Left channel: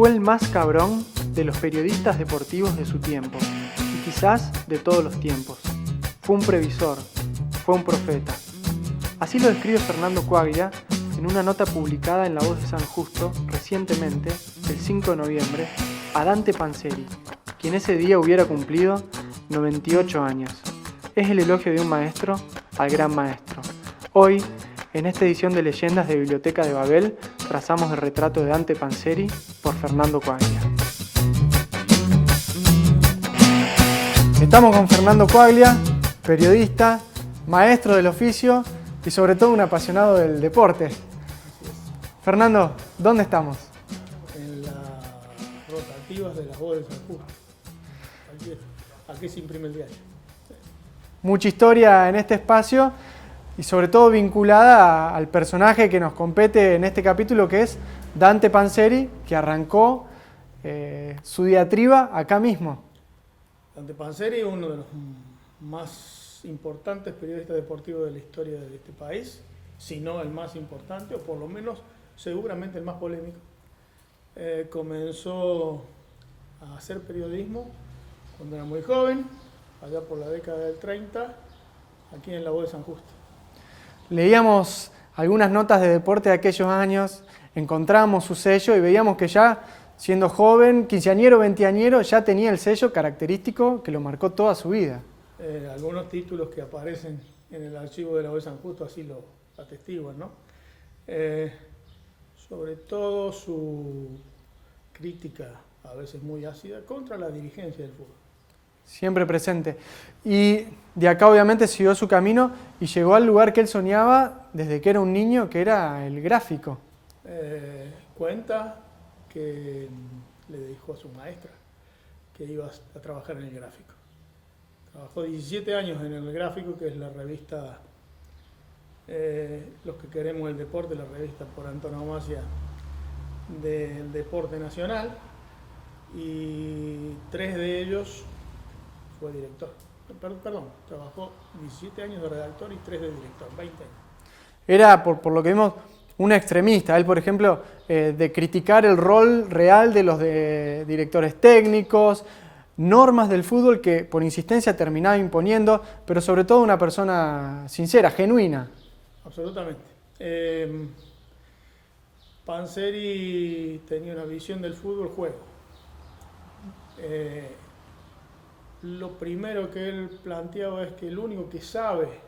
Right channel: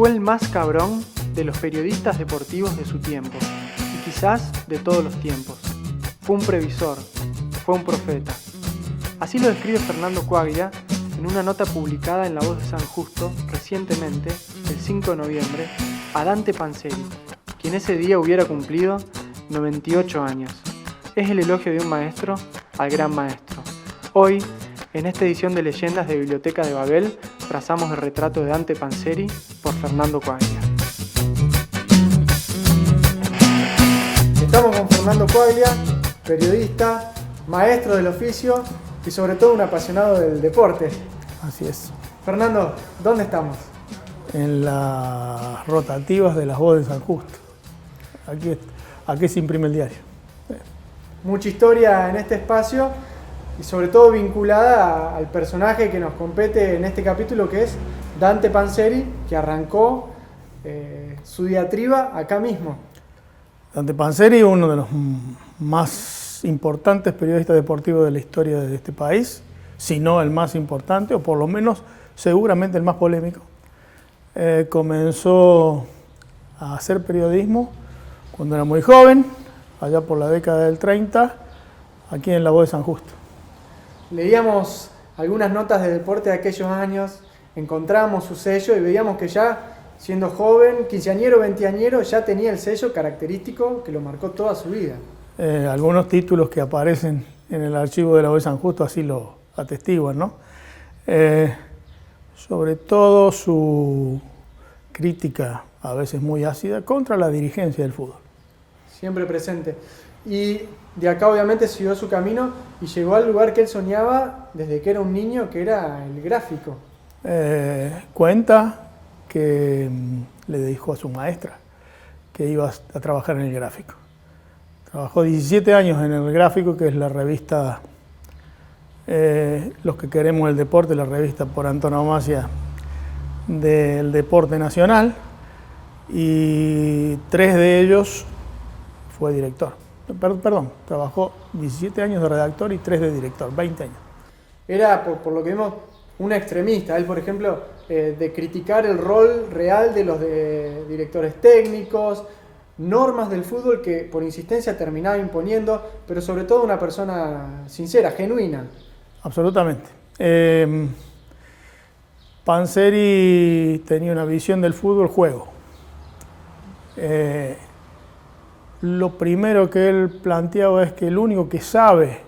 Fue el más cabrón de los periodistas deportivos de su tiempo, y quizás de todos los tiempos. Fue un previsor, fue un profeta. Así lo describe Fernando Coaglia en una nota publicada en La Voz de San Justo recientemente, el 5 de noviembre, a Dante Panzeri, quien ese día hubiera cumplido 98 años. Es el elogio de un maestro al gran maestro. Hoy, en esta edición de Leyendas de Biblioteca de Babel, trazamos el retrato de Dante Panzeri por Fernando Coaglia. Estamos con Fernando Coaglia, periodista, maestro del oficio y sobre todo un apasionado del deporte. Así es. Fernando, ¿dónde estamos? En las rotativas de las Voz de San Justo. Aquí se imprime el diario. Mucha historia en este espacio y sobre todo vinculada al personaje que nos compete en este capítulo, que es Dante Panzeri, que arrancó su diatriba acá mismo. Dante Panzeri, uno de los más importantes periodistas deportivos de la historia de este país, si no el más importante, o por lo menos seguramente el más polémico. Comenzó a hacer periodismo cuando era muy joven, allá por la década del 30, aquí en La Voz de San Justo. Leíamos algunas notas de deporte de aquellos años, encontrábamos su sello y veíamos que ya, siendo joven, quinceañero, veinteañero, ya tenía el sello característico que lo marcó toda su vida. Algunos títulos que aparecen en el archivo de La Voz de San Justo así lo atestiguan, ¿no? Sobre todo su crítica, a veces muy ácida, contra la dirigencia del fútbol. Siempre presente. Y de acá obviamente siguió su camino y llegó al lugar que él soñaba desde que era un niño, que era el gráfico. Cuenta que le dijo a su maestra que iba a trabajar en el gráfico. Trabajó 17 años en el gráfico, que es la revista Los que queremos el deporte, la revista por antonomasia del deporte nacional, y 3 de ellos fue director. Perdón, trabajó 17 años de redactor y 3 de director, 20 años. Era, por lo que vimos, un extremista. Él, por ejemplo, de criticar el rol real de los directores técnicos, normas del fútbol que por insistencia terminaba imponiendo, pero sobre todo una persona sincera, genuina. Absolutamente. Panzeri tenía una visión del fútbol juego. Lo primero que él planteaba es que el único que sabe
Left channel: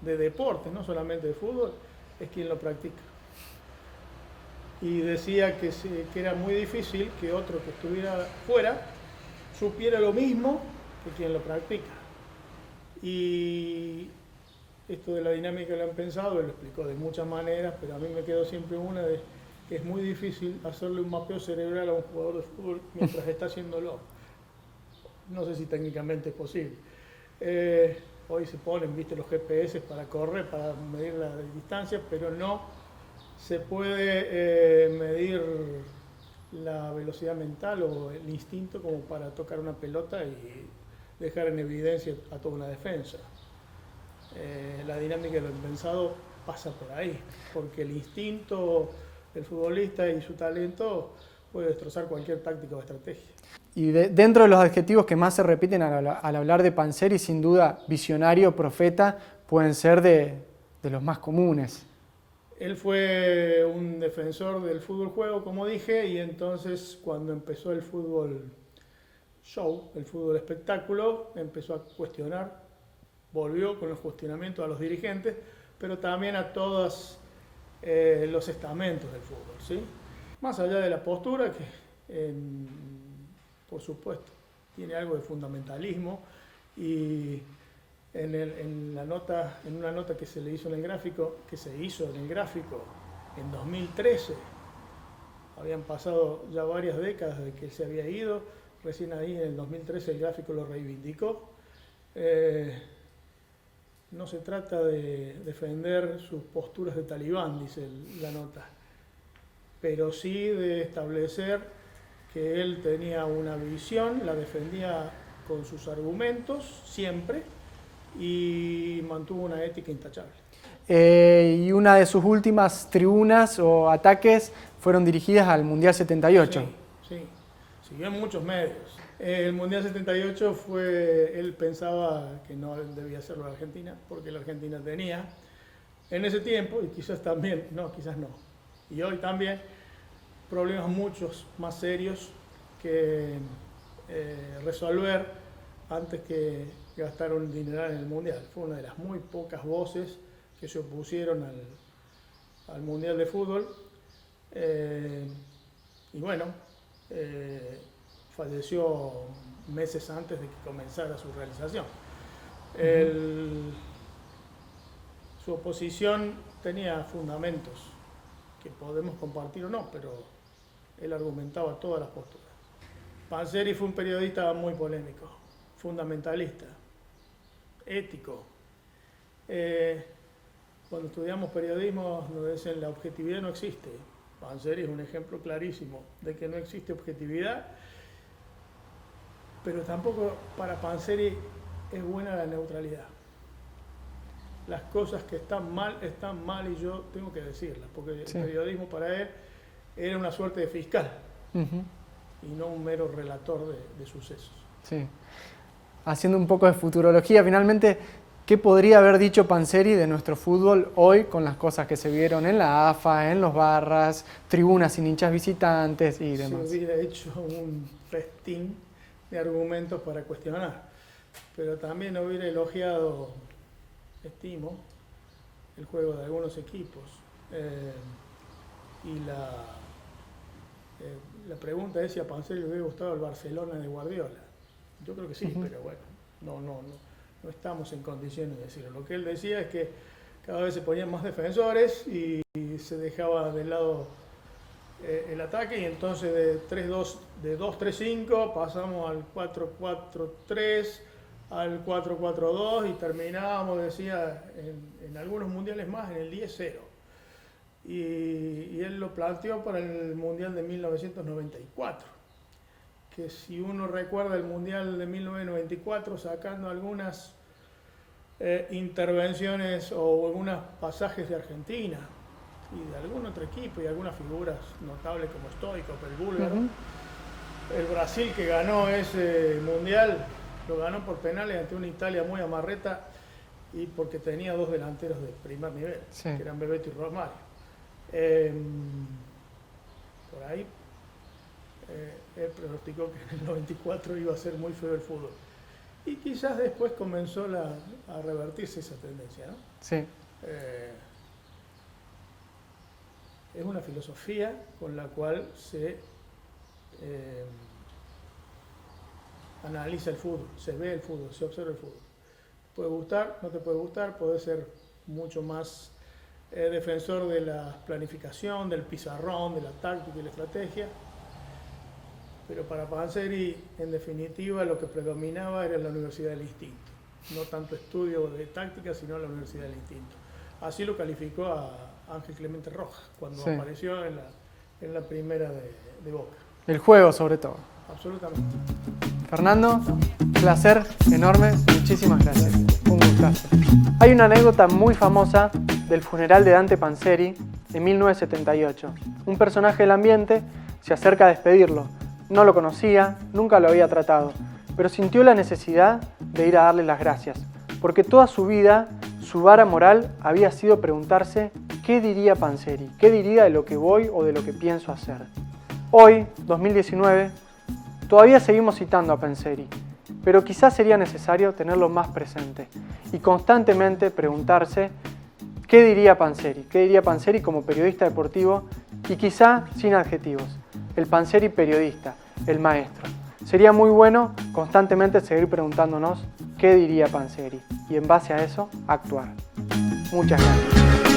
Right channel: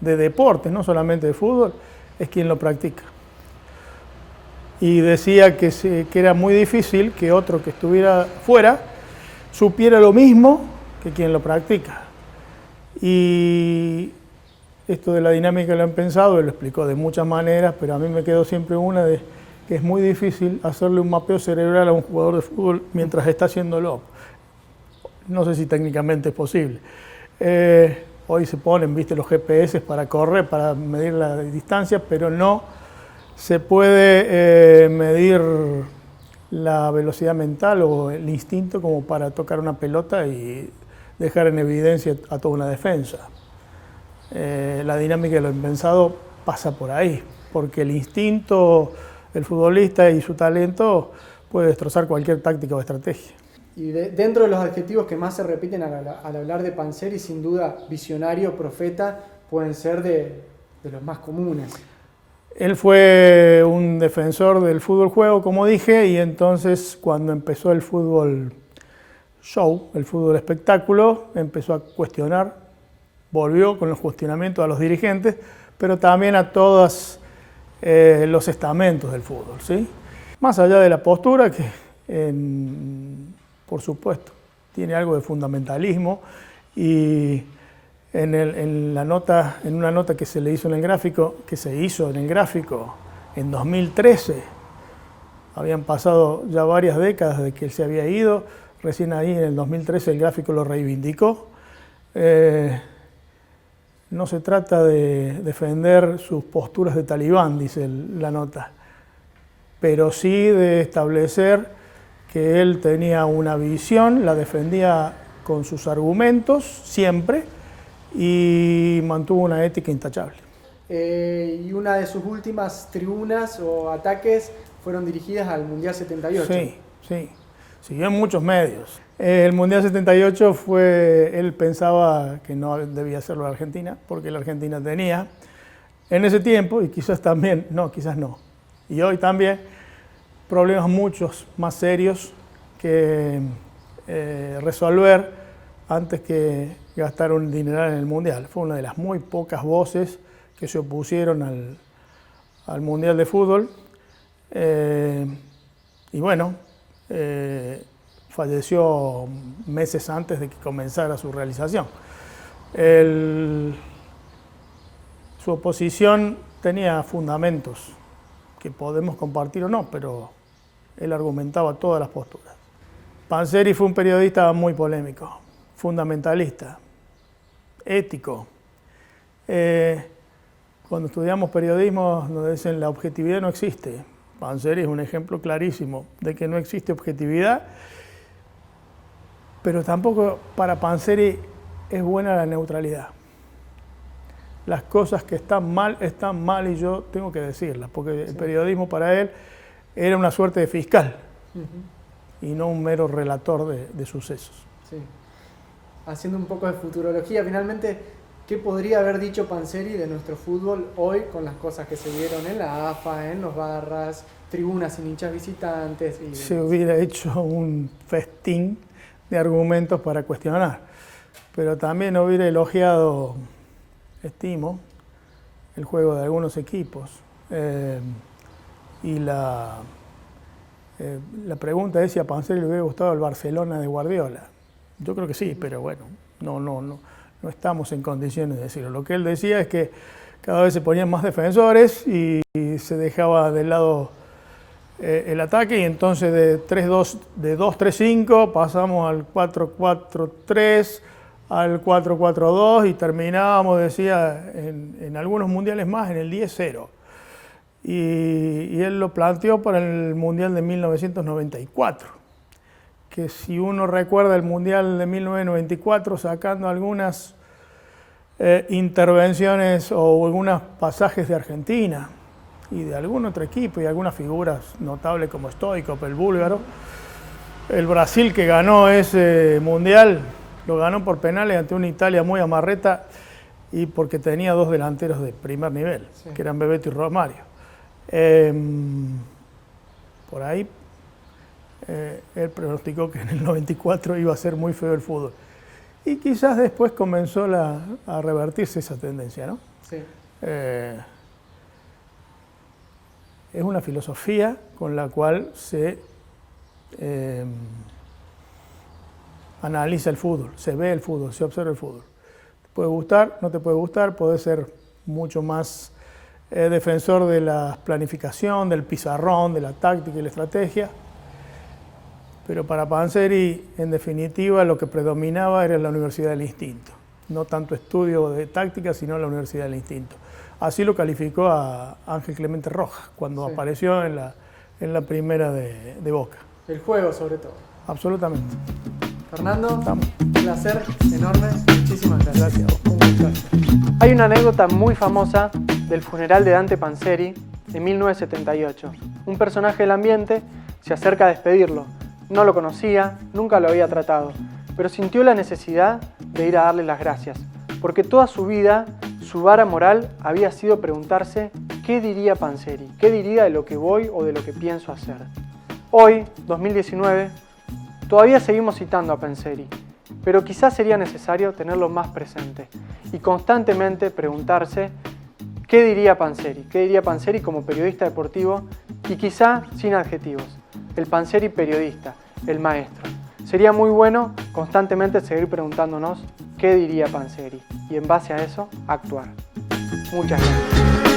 de deportes, no solamente de fútbol, es quien lo practica. Y decía que era muy difícil que otro que estuviera fuera supiera lo mismo que quien lo practica. Y esto de la dinámica lo han pensado, él lo explicó de muchas maneras, pero a mí me quedó siempre una de que es muy difícil hacerle un mapeo cerebral a un jugador de fútbol mientras está haciéndolo. No sé si técnicamente es posible. Hoy se ponen, viste, los GPS para correr, para medir la distancia, pero no se puede medir la velocidad mental o el instinto como para tocar una pelota y dejar en evidencia a toda una defensa. La dinámica de lo impensado pasa por ahí, porque el instinto del futbolista y su talento puede destrozar cualquier táctica o estrategia. Y dentro de los adjetivos que más se repiten al hablar de Panzeri, sin duda, visionario, profeta, pueden ser de los más comunes. Él fue un defensor del fútbol juego, como dije, y entonces cuando empezó el fútbol show, el fútbol espectáculo, empezó a cuestionar, volvió con los cuestionamientos a los dirigentes, pero también a todos los estamentos del fútbol, ¿sí? Más allá de la postura, que por supuesto tiene algo de fundamentalismo, y en una nota que se hizo en el gráfico en 2013, habían pasado ya varias décadas de que él se había ido, recién ahí en el 2013 el gráfico lo reivindicó. No se trata de defender sus posturas de talibán, dice la nota, pero sí de establecer que él tenía una visión, la defendía con sus argumentos siempre y mantuvo una ética intachable. Y una de sus últimas tribunas o ataques fueron dirigidas al Mundial 78. Sí, sí. Siguió en muchos medios. El Mundial 78 él pensaba que no debía hacerlo la Argentina, porque la Argentina tenía en ese tiempo, y quizás también, quizás no, y hoy también, problemas muchos más serios que resolver antes que gastar un dineral en el Mundial. Fue una de las muy pocas voces que se opusieron al Mundial de Fútbol. Y bueno, falleció meses antes de que comenzara su realización. Su oposición tenía fundamentos que podemos compartir o no, pero él argumentaba todas las posturas. Panzeri fue un periodista muy polémico, fundamentalista, ético. Cuando estudiamos periodismo nos dicen la objetividad no existe. Panzeri es un ejemplo clarísimo de que no existe objetividad, pero tampoco para Panzeri es buena la neutralidad. Las cosas que están mal y yo tengo que decirlas, porque el periodismo para él era una suerte de fiscal y no un mero relator de sucesos. Sí. Haciendo un poco de futurología, finalmente, ¿qué podría haber dicho Panzeri de nuestro fútbol hoy con las cosas que se vieron en la AFA, en los barras, tribunas sin hinchas visitantes y demás? Se hubiera hecho un festín de argumentos para cuestionar, pero también hubiera elogiado, estimo, el juego de algunos equipos. Y la pregunta es si a Panzeri le hubiera gustado el Barcelona de Guardiola. Yo creo que sí, pero bueno, no estamos en condiciones de decirlo. Lo que él decía es que cada vez se ponían más defensores y se dejaba de lado el ataque, y entonces de 2-3-5 pasamos al 4-4-3, al 4-4-2 y terminábamos, decía, en algunos mundiales más en el 10-0. Y él lo planteó para el Mundial de 1994, que si uno recuerda el Mundial de 1994, sacando algunas intervenciones o algunos pasajes de Argentina y de algún otro equipo y algunas figuras notables como Stoichkov, el búlgaro, el Brasil que ganó ese Mundial lo ganó por penales ante una Italia muy amarreta y porque tenía dos delanteros de primer nivel, que eran Bebeto y Romario. Por ahí él pronosticó que en el 94 iba a ser muy feo el fútbol. Y quizás después comenzó a revertirse esa tendencia, ¿no? Sí. Es una filosofía con la cual se analiza el fútbol, se ve el fútbol, se observa el fútbol. Te puede gustar, no te puede gustar, puede ser mucho más defensor de la planificación, del pizarrón, de la táctica y la estrategia. Pero para Panzeri, en definitiva, lo que predominaba era la universidad del instinto. No tanto estudio de táctica, sino la universidad del instinto. Así lo calificó a Ángel Clemente Rojas cuando apareció en la primera de Boca. El juego, sobre todo. Absolutamente. Fernando, un placer enorme. Muchísimas gracias. Un gustazo. Hay una anécdota muy famosa del funeral de Dante Panzeri en 1978. Un personaje del ambiente se acerca a despedirlo. No lo conocía, nunca lo había tratado, pero sintió la necesidad de ir a darle las gracias, porque toda su vida, su vara moral había sido preguntarse ¿qué diría Panzeri? ¿Qué diría de lo que voy o de lo que pienso hacer? Hoy, 2019, todavía seguimos citando a Panzeri, pero quizás sería necesario tenerlo más presente y constantemente preguntarse ¿qué diría Panzeri? ¿Qué diría Panzeri como periodista deportivo? Y quizá sin adjetivos. El Panzeri periodista, el maestro. Sería muy bueno constantemente seguir preguntándonos qué diría Panzeri y en base a eso actuar. Muchas gracias.